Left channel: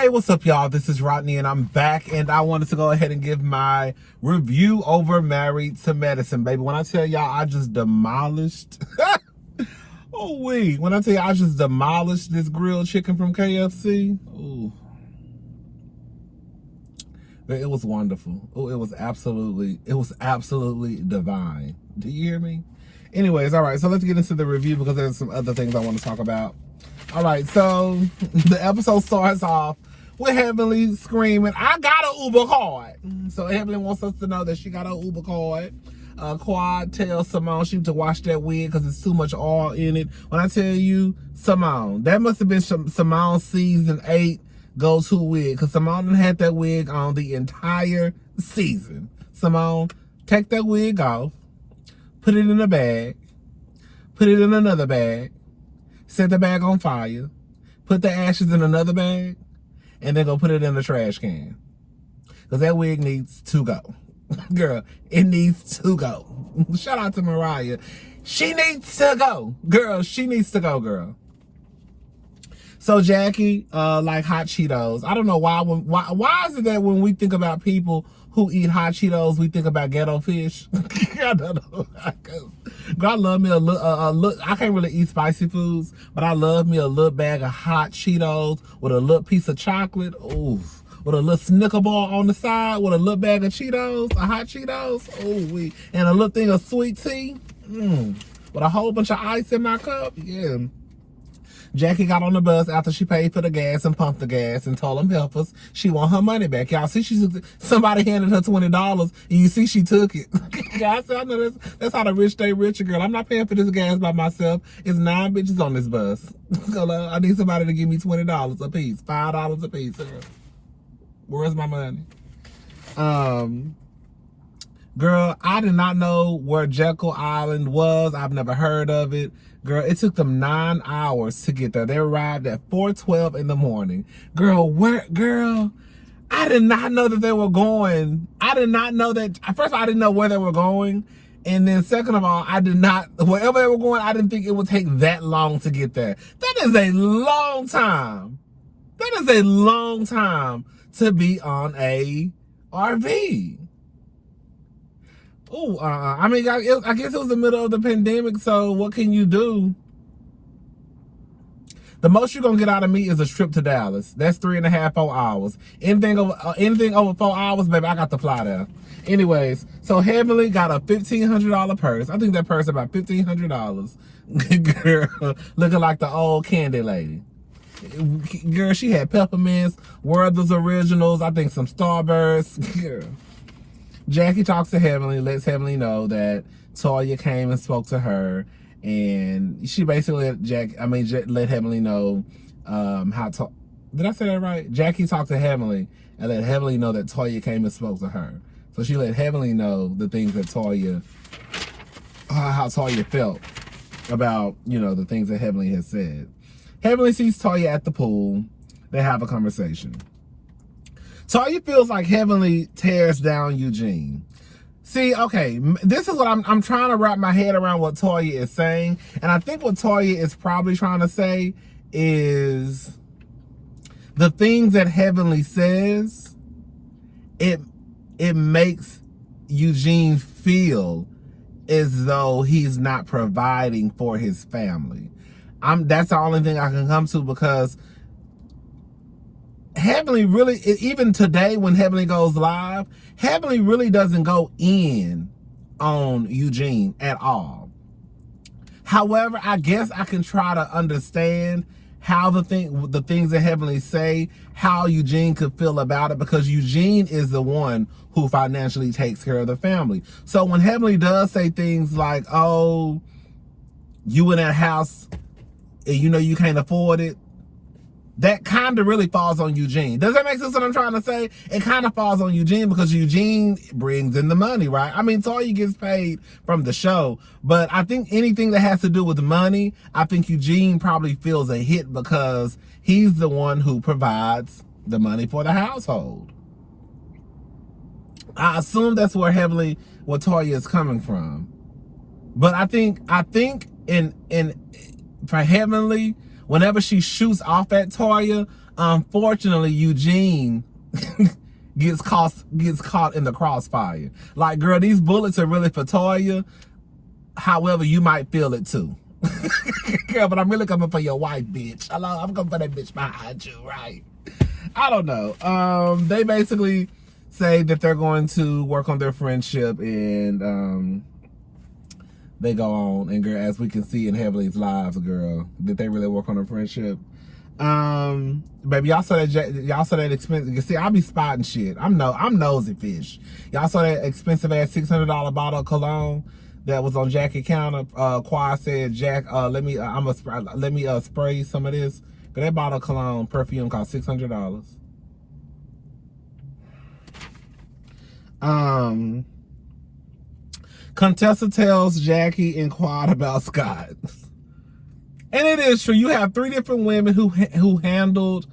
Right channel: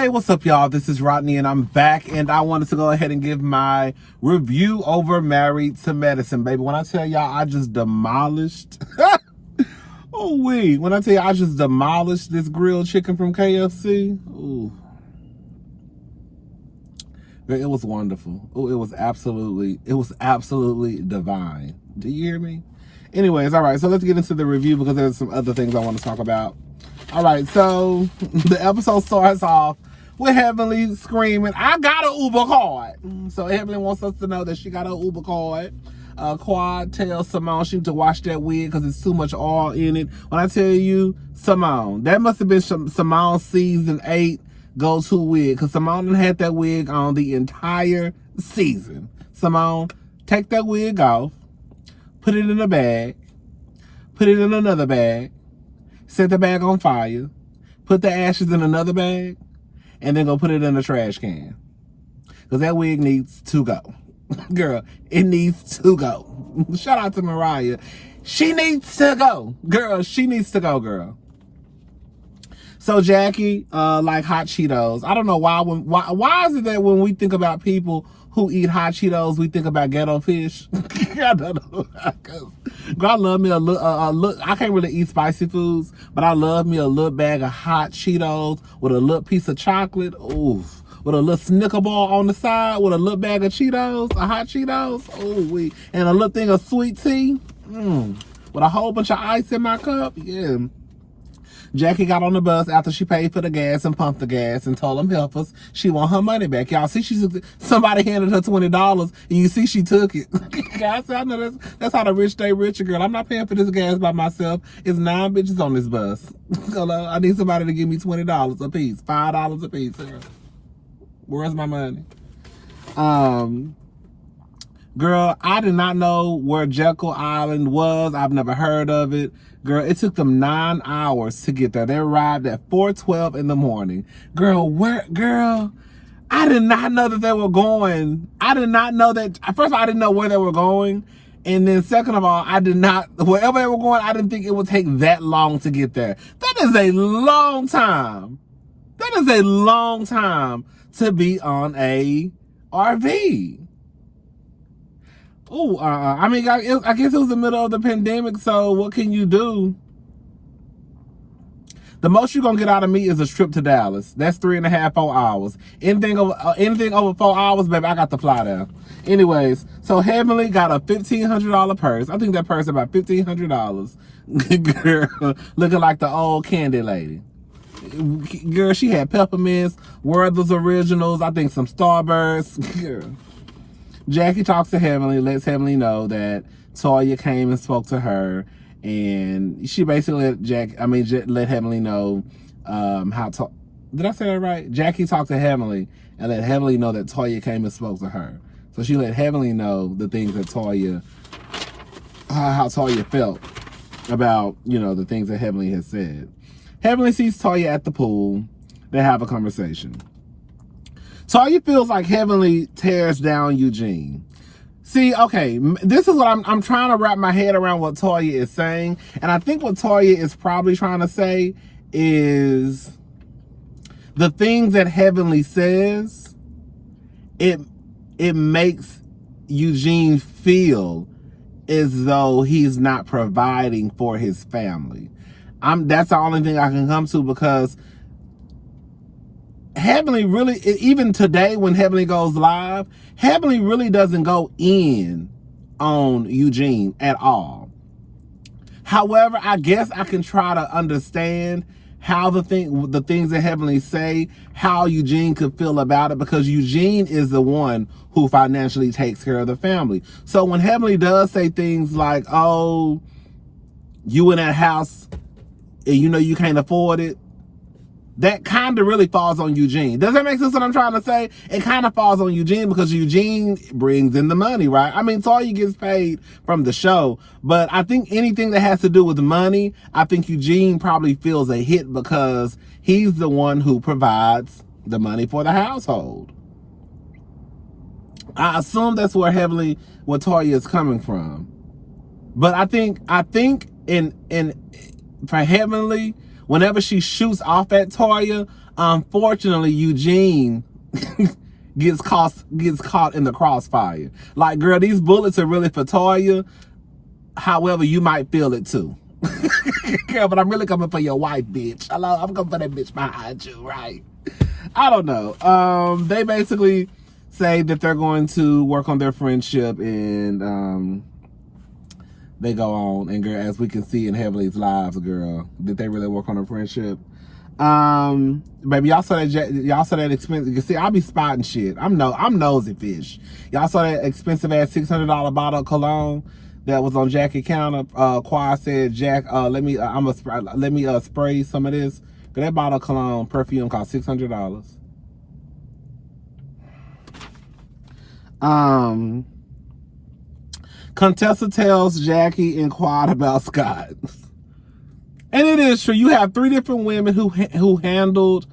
Hey, what's up, y'all? This is Rodney, and I'm back, and I wanted to go ahead and give my review over Married to Medicine, baby. When I tell y'all I just demolished, oh wait, when I tell you I just demolished this grilled chicken from KFC, ooh, it was wonderful. Oh, it was absolutely divine. Do you hear me? Anyways, all right, so let's get into the review because there's some other things I want to talk about. All right, so the episode starts off with Heavenly screaming, "I got an Uber card." So Heavenly wants us to know that she got an Uber card. Quad tells Simone she needs to wash that wig because it's too much oil in it. When I tell you, Simone, that must have been Simone's season 8 go-to wig because Simone had that wig on the entire season. Simone, take that wig off, put it in a bag, put it in another bag, set the bag on fire, put the ashes in another bag, and then go put it in the trash can. Because that wig needs to go. Girl, it needs to go. Shout out to Mariah. She needs to go. Girl, she needs to go, girl. So Jackie, like hot Cheetos. I don't know why is it that when we think about people who eat hot Cheetos, we think about ghetto fish? I don't know. Girl, I love me a little, I can't really eat spicy foods, but I love me a little bag of hot Cheetos with a little piece of chocolate. Oof. With a little Snicker bar on the side, with a little bag of Cheetos, hot Cheetos. Oh, and a little thing of sweet tea. With a whole bunch of ice in my cup. Yeah. Jackie got on the bus after she paid for the gas and pumped the gas and told them helpers she want her money back. Y'all see, somebody handed her $20 and you see she took it. I said, I know that's how the rich stay richer, girl. I'm not paying for this gas by myself. It's 9 bitches on this bus. I need somebody to give me $20 a piece, $5 a piece. Where's my money? Girl, I did not know where Jekyll Island was. I've never heard of it. Girl, it took them 9 hours to get there. They arrived at 4:12 in the morning. Girl, I did not know that they were going. I did not know that. First of all, I didn't know where they were going. And then second of all, wherever they were going, I didn't think it would take that long to get there. That is a long time. That is a long time to be on a RV. Oh, I mean, I guess it was the middle of the pandemic, so what can you do? The most you're gonna get out of me is a trip to Dallas. That's 3.5, 4 hours. Anything over 4 hours, baby, I got to fly there. Anyways, so Heavenly got a $1,500 purse. I think that purse about $1,500. Girl, looking like the old candy lady. Girl, she had peppermints, Werther's Originals, I think some Starbursts. Girl. Jackie talks to Heavenly, lets Heavenly know that Toya came and spoke to her, and she basically let Heavenly know did I say that right? Jackie talked to Heavenly and let Heavenly know that Toya came and spoke to her. So she let Heavenly know the things that how Toya felt about, the things that Heavenly has said. Heavenly sees Toya at the pool. They have a conversation. Toya feels like Heavenly tears down Eugene. See, okay, this is what I'm trying to wrap my head around what Toya is saying. And I think what Toya is probably trying to say is the things that Heavenly says, it makes Eugene feel as though he's not providing for his family. That's the only thing I can come to, because Heavenly really, even today when Heavenly goes live, Heavenly really doesn't go in on Eugene at all. However, I guess I can try to understand how the things that Heavenly say, how Eugene could feel about it, because Eugene is the one who financially takes care of the family. So when Heavenly does say things like, oh, you in that house and you can't afford it, that kind of really falls on Eugene. Does that make sense what I'm trying to say? It kind of falls on Eugene because Eugene brings in the money, right? I mean, Toya gets paid from the show, but I think anything that has to do with money, I think Eugene probably feels a hit because he's the one who provides the money for the household. I assume that's where Toya is coming from. But I think for Heavenly, whenever she shoots off at Toya, unfortunately, Eugene gets caught in the crossfire. Like, girl, these bullets are really for Toya. However, you might feel it too. Girl, but I'm really coming for your wife, bitch. Hello, I'm coming for that bitch behind you, right? I don't know. They basically say that they're going to work on their friendship, and they go on. And girl, as we can see in Heavenly's lives, girl, that they really work on a friendship. Baby, y'all saw that expensive. You can see, I'll be spotting shit. I'm nosy fish. Y'all saw that expensive ass $600 bottle of cologne that was on Jackie's counter. Quad said, Jack, let me spray some of this. But that bottle of cologne perfume cost $600. Contessa tells Jackie and Quad about Scott. And it is true. You have 3 different women who handled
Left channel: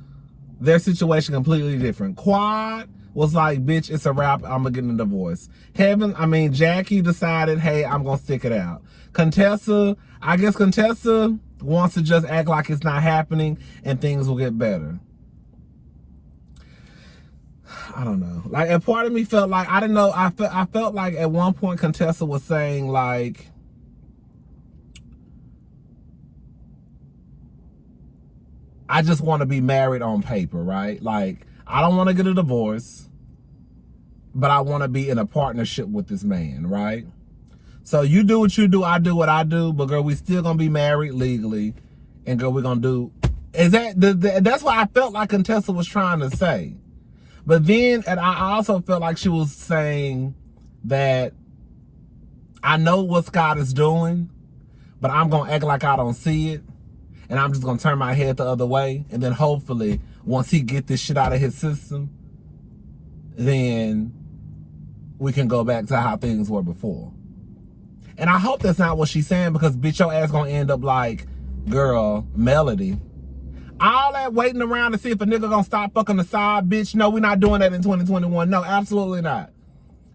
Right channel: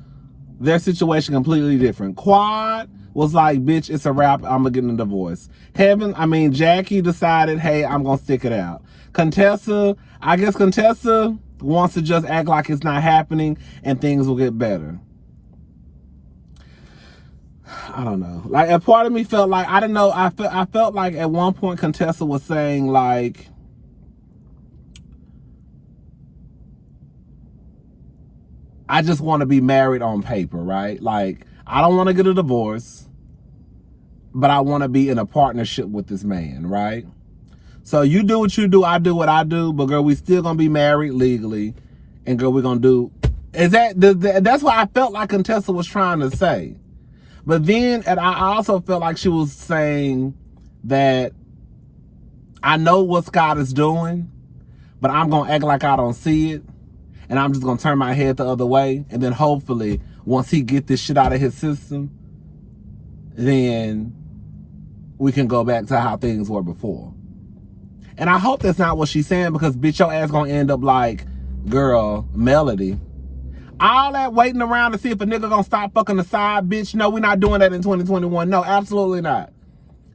their situation completely different. Quad was like, bitch, it's a wrap. I'm going to get a divorce. Jackie decided, hey, I'm going to stick it out. Contessa wants to just act like it's not happening and things will get better. I don't know. Like, a part of me felt like, I didn't know. I felt like at one point Contessa was saying, like, I just want to be married on paper, right? Like, I don't want to get a divorce, but I want to be in a partnership with this man, right? So you do what you do, I do what I do, but girl, we still gonna be married legally, and girl, we're gonna do. That's what I felt like Contessa was trying to say. But then, and I also felt like she was saying that I know what Scott is doing, but I'm gonna act like I don't see it. And I'm just going to turn my head the other way. And then hopefully, once he get this shit out of his system, then we can go back to how things were before. And I hope that's not what she's saying, because bitch, your ass going to end up like, girl, Melody. All that waiting around to see if a nigga going to stop fucking the side, bitch. No, we're not doing that in 2021. No, absolutely not.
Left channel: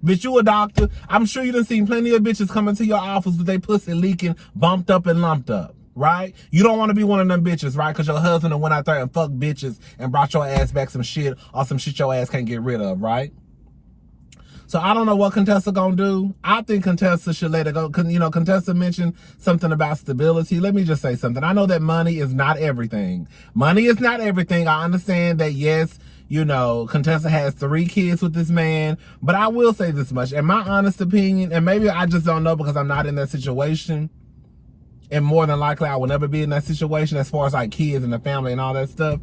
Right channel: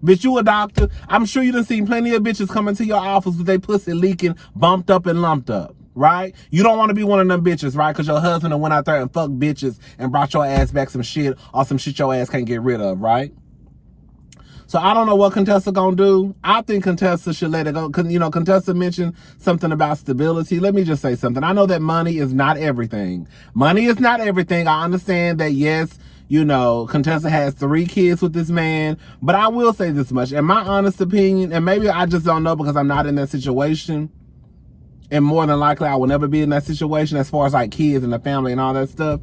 Bitch, you a doctor. I'm sure you done seen plenty of bitches coming to your office with their pussy leaking, bumped up and lumped up. Right? You don't want to be one of them bitches, right? Because your husband went out there and fucked bitches and brought your ass back some shit, or some shit your ass can't get rid of, right? So I don't know what Contessa gonna do. I think Contessa should let it go. You know, Contessa mentioned something about stability. Let me just say something. I know that money is not everything. Money is not everything. I understand that, yes, you know, Contessa has 3 kids with this man. But I will say this much. In my honest opinion, and maybe I just don't know because I'm not in that situation, and more than likely, I will never be in that situation as far as like kids and the family and all that stuff.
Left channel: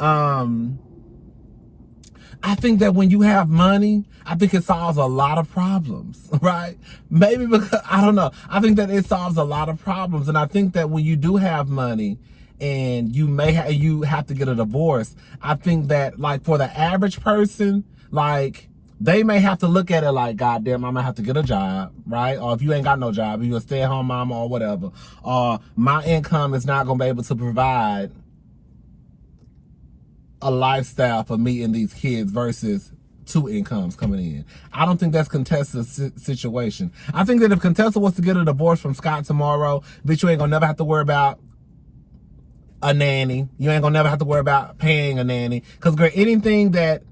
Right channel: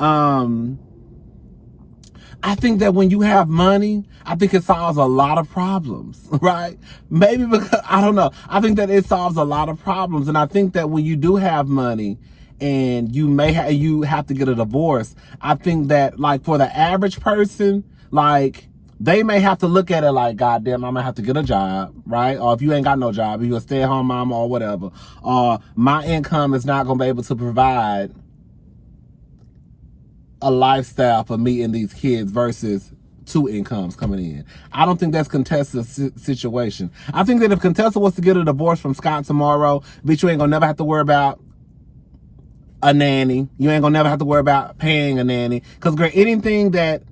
I think that when you have money, I think it solves a lot of problems, right? Maybe because, I don't know. I think that it solves a lot of problems. And I think that when you do have money and you have to get a divorce, I think that like for the average person, like, they may have to look at it like, goddamn, I'm gonna have to get a job, right? Or if you ain't got no job, if you're a stay-at-home mom or whatever, or my income is not gonna be able to provide a lifestyle for me and these kids versus 2 incomes coming in. I don't think that's Contessa's situation. I think that if Contessa was to get a divorce from Scott tomorrow, bitch, you ain't gonna never have to worry about a nanny. You ain't gonna never have to worry about paying a nanny. Because, girl, anything that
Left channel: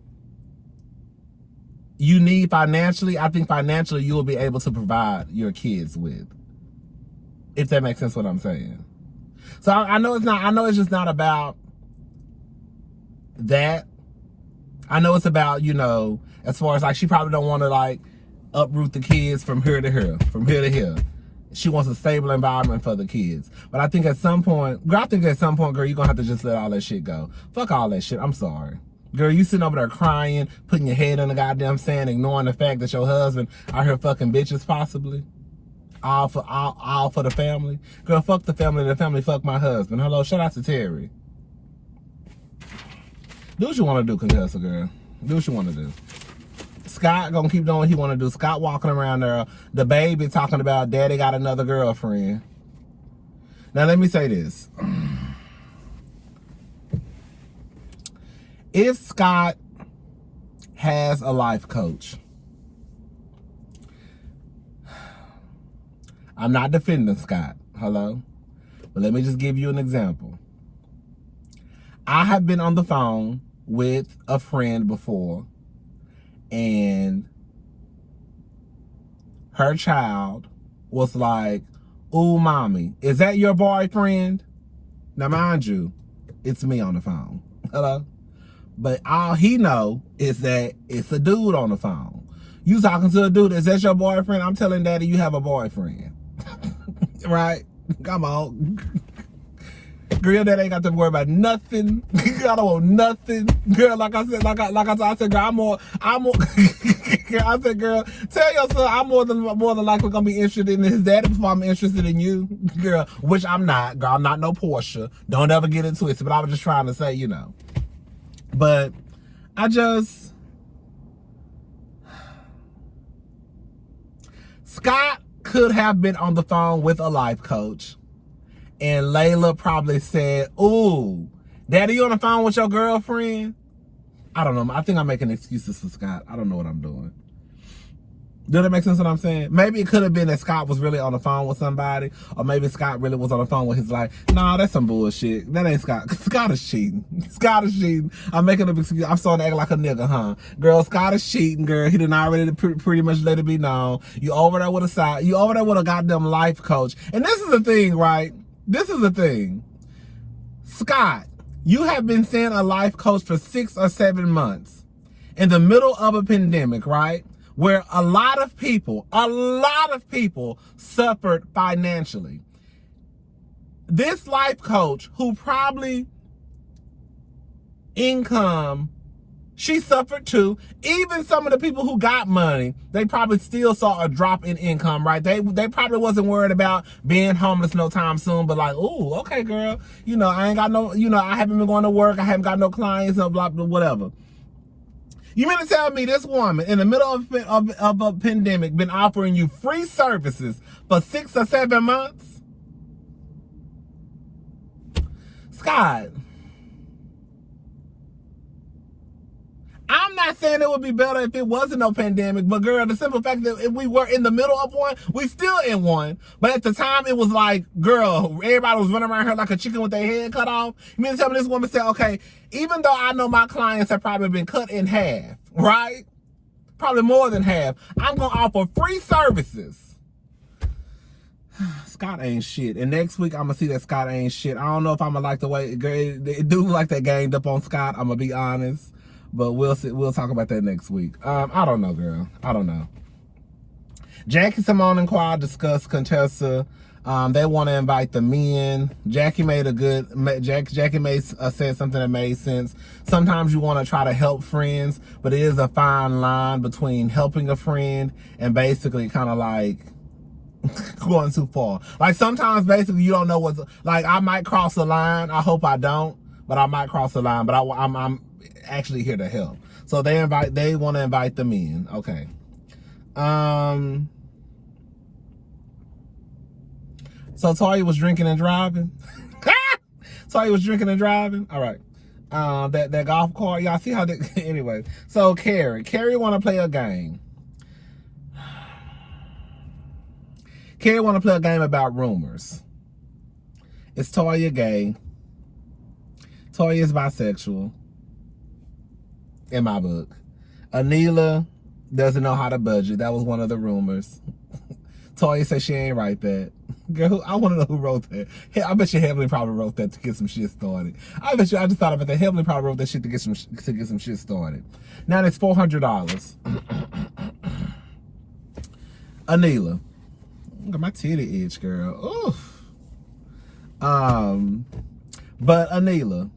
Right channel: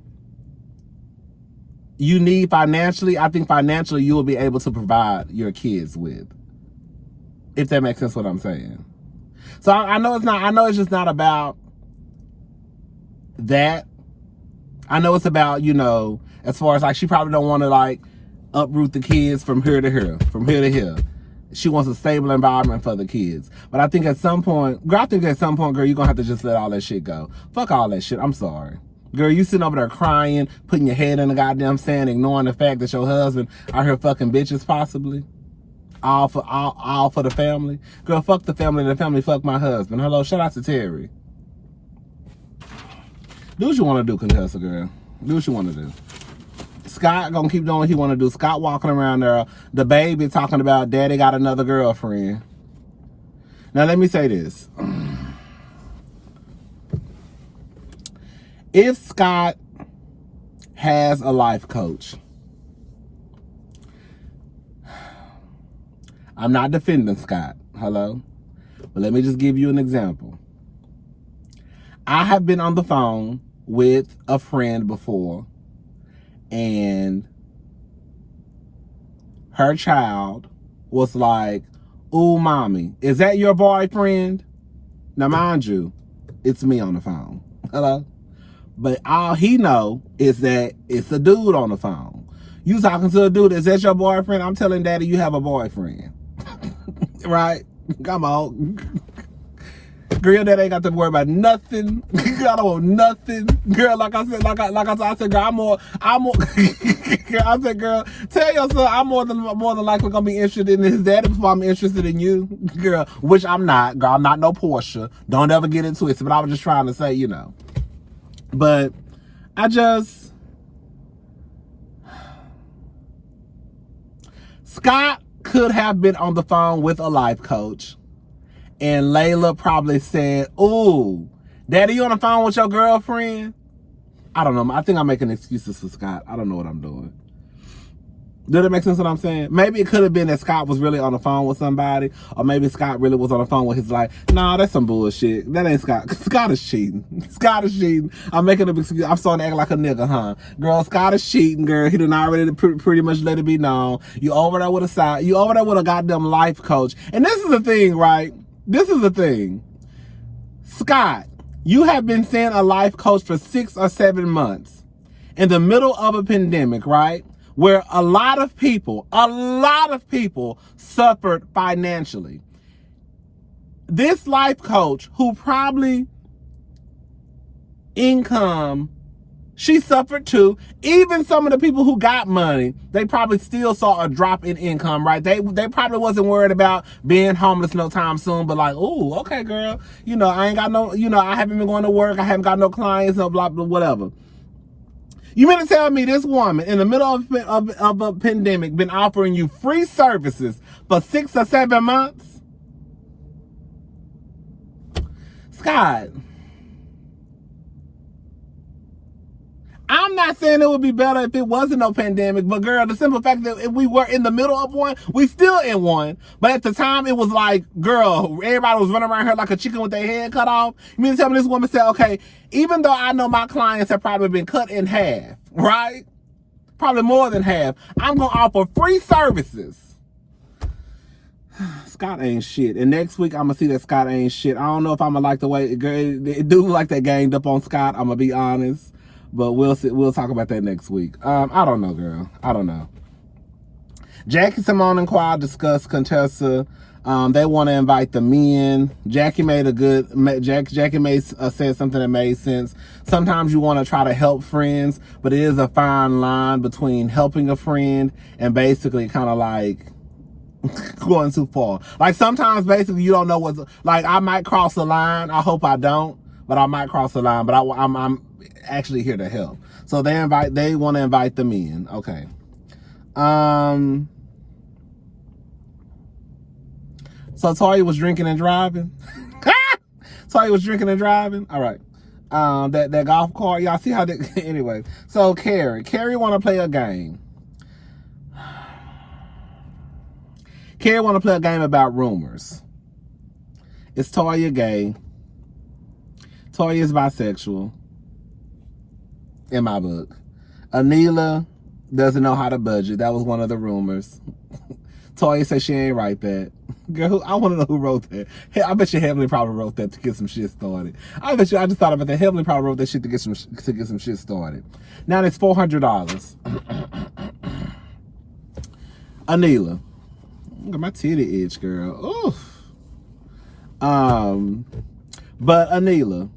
you need financially, I think financially you will be able to provide your kids with. If that makes sense what I'm saying. So I know it's just not about that. I know it's about, you know, as far as like, she probably don't want to like uproot the kids from here to here, from here to here. She wants a stable environment for the kids. But I think at some point, girl, you're gonna have to just let all that shit go. Fuck all that shit. I'm sorry. Girl, you sitting over there crying, putting your head in the goddamn sand, ignoring the fact that your husband out here fucking bitches possibly. All for the family. Girl, fuck the family and the family fuck my husband. Hello, shout out to Terry. Do what you want to do, Contessa, girl. Do what you want to do. Scott gonna keep doing what he want to do. Scott walking around there, the baby talking about daddy got another girlfriend. Now, let me say this. If Scott has a life coach, I'm not defending Scott, hello? But let me just give you an example. I have been on the phone with a friend before, and her child was like, "Ooh, mommy, is that your boyfriend?" Now, mind you, it's me on the phone. Hello? But all he know is that it's a dude on the phone. You talking to a dude, is that your boyfriend? I'm telling daddy you have a boyfriend. Right? Come on. Girl, that ain't got to worry about nothing. I don't want nothing. Girl, like I said, I said, girl, I'm more girl, I said, girl, tell your son I'm more than likely gonna be interested in his daddy before I'm interested in you. Girl, which I'm not. Girl, I'm not no Portia. Don't ever get into it. But I was just trying to say, But Scott could have been on the phone with a life coach, and Layla probably said, "Ooh, daddy, you on the phone with your girlfriend?" I don't know. I think I'm making excuses for Scott. I don't know what I'm doing. Did it make sense what I'm saying? Maybe it could have been that Scott was really on the phone with somebody, or maybe Scott really was on the phone with his life. Nah, that's some bullshit. That ain't Scott. Scott is cheating. Scott is cheating. I'm making a excuse. I'm starting to act like a nigga, huh? Girl, Scott is cheating, girl. He done already pretty much let it be known. You over there with a goddamn life coach. And this is the thing, right? This is the thing. Scott, you have been seeing a life coach for 6 or 7 months in the middle of a pandemic, right? Where a lot of people suffered financially. This life coach, who probably income, she suffered too. Even some of the people who got money, they probably still saw a drop in income, right? They probably wasn't worried about being homeless no time soon, but like, oh, okay, girl, I ain't got no, I haven't been going to work, I haven't got no clients, no blah, blah, whatever. You mean to tell me this woman in the middle of a pandemic been offering you free services for 6 or 7 months? Scott, I'm not saying it would be better if it wasn't no pandemic, but girl, the simple fact that if we were in the middle of one, we still in one. But at the time, it was like, girl, everybody was running around here like a chicken with their head cut off. You mean to tell me this woman said, okay, even though I know my clients have probably been cut in half, right? Probably more than half. I'm going to offer free services. Scott ain't shit. And next week, I'm going to see that Scott ain't shit. I don't know if I'm going to like the way it do look like they ganged up on Scott. I'm going to be honest. But we'll see. We'll talk about that next week. I don't know, girl. I don't know. Jackie, Simone, and Quad discussed Contessa. They want to invite the men. Jackie made said something that made sense. Sometimes you want to try to help friends, but it is a fine line between helping a friend and basically kind of like going too far. Like sometimes basically you don't know what's like. I might cross the line. I hope I don't, but I might cross the line. But I'm actually here to help. So they want to invite the men. Okay. So Toya was drinking and driving. Toya was drinking and driving. All right. That golf cart. Y'all see how that anyway. So Carrie want to play a game. Carrie want to play a game about rumors. Is Toya gay? Toya is bisexual. In my book. Anila doesn't know how to budget. That was one of the rumors. Toya said she ain't write that. Girl, I want to know who wrote that. Hey, I bet you Heavenly probably wrote that to get some shit started. I just thought about that. Heavenly probably wrote that shit to get some shit started. Now it's $400. Anila. Look at my titty itch, girl. Oof. But Anila,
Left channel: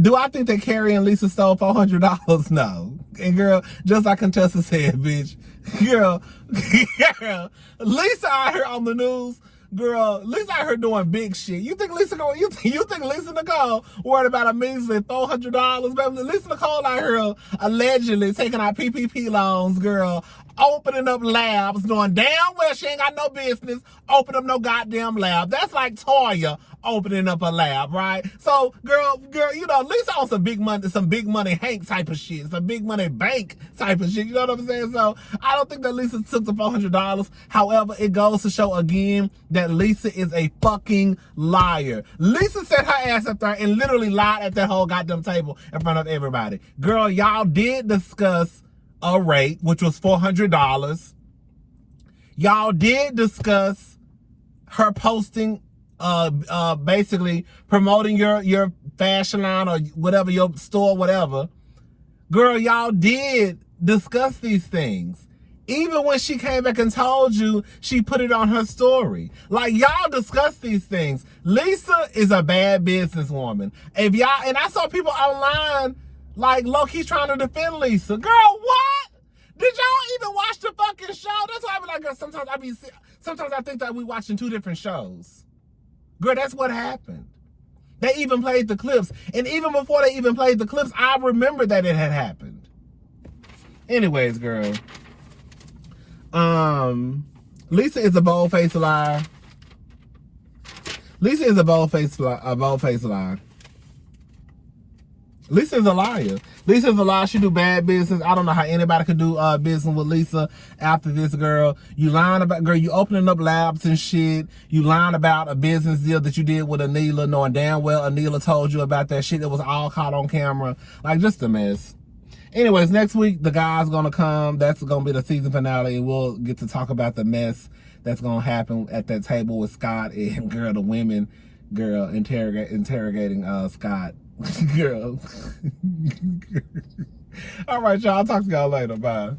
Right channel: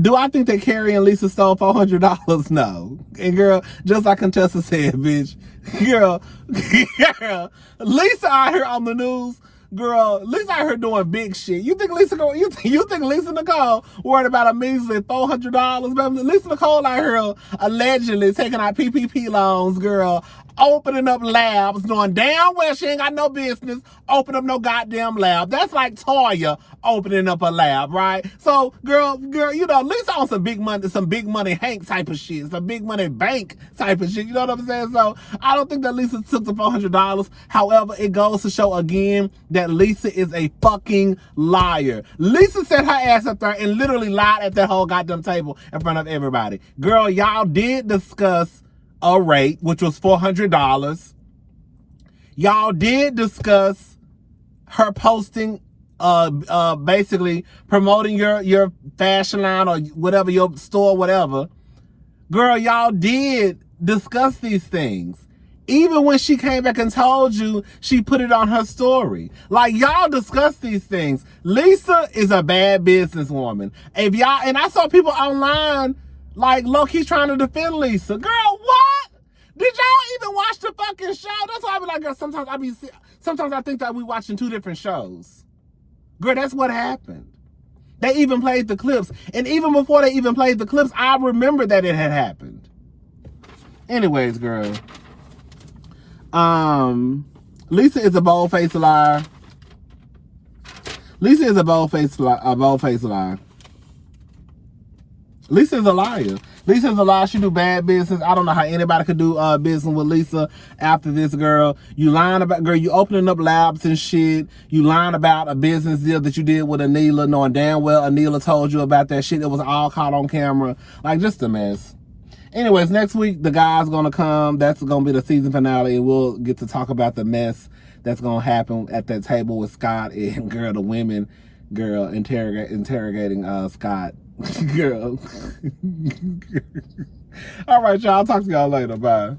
do I think that Carrie and Lisa stole $400? No. And girl, just like Contessa said, bitch, girl, Lisa out here on the news, girl, Lisa out here doing big shit. You think Lisa Nicole worried about a measly $400? Lisa Nicole out here allegedly taking out PPP loans, girl, opening up labs, knowing damn well she ain't got no business opening up no goddamn lab. That's like Toya opening up a lab, right? So, girl, you know, Lisa on some big money Hank type of shit, some big money bank type of shit. You know what I'm saying? So, I don't think that Lisa took the $400. However, it goes to show again that Lisa is a fucking liar. Lisa set her ass up there and literally lied at that whole goddamn table in front of everybody. Girl, y'all did discuss a rate, which was $400. Y'all did discuss her posting, basically promoting your fashion line or whatever, your store, whatever. Girl, y'all did discuss these things. Even when she came back and told you, she put it on her story. Like, y'all discussed these things. Lisa is a bad businesswoman. If y'all, and I saw people online, like, low-key trying to defend Lisa. Girl, what? Did y'all even watch the fucking show? That's why I be like, girl, sometimes I think that we watching two different shows. Girl, that's what happened. They even played the clips. And even before they even played the clips, I remember that it had happened. Anyways, girl. Lisa is a bold-faced liar. Lisa is a bold-faced liar. Lisa is a liar. Lisa is a liar. She do bad business. I don't know how anybody could do business with Lisa after this, girl. You lying about, girl, you opening up labs and shit. You lying about a business deal that you did with Anila, knowing damn well Anila told you about that shit. It was all caught on camera. Like, just a mess. Anyways, next week, the guy's going to come. That's going to be the season finale, and we'll get to talk about the mess that's going to happen at that table with Scott and, girl, the women, girl, interrogating Scott. Girl. All right, y'all. I'll talk to y'all later. Bye.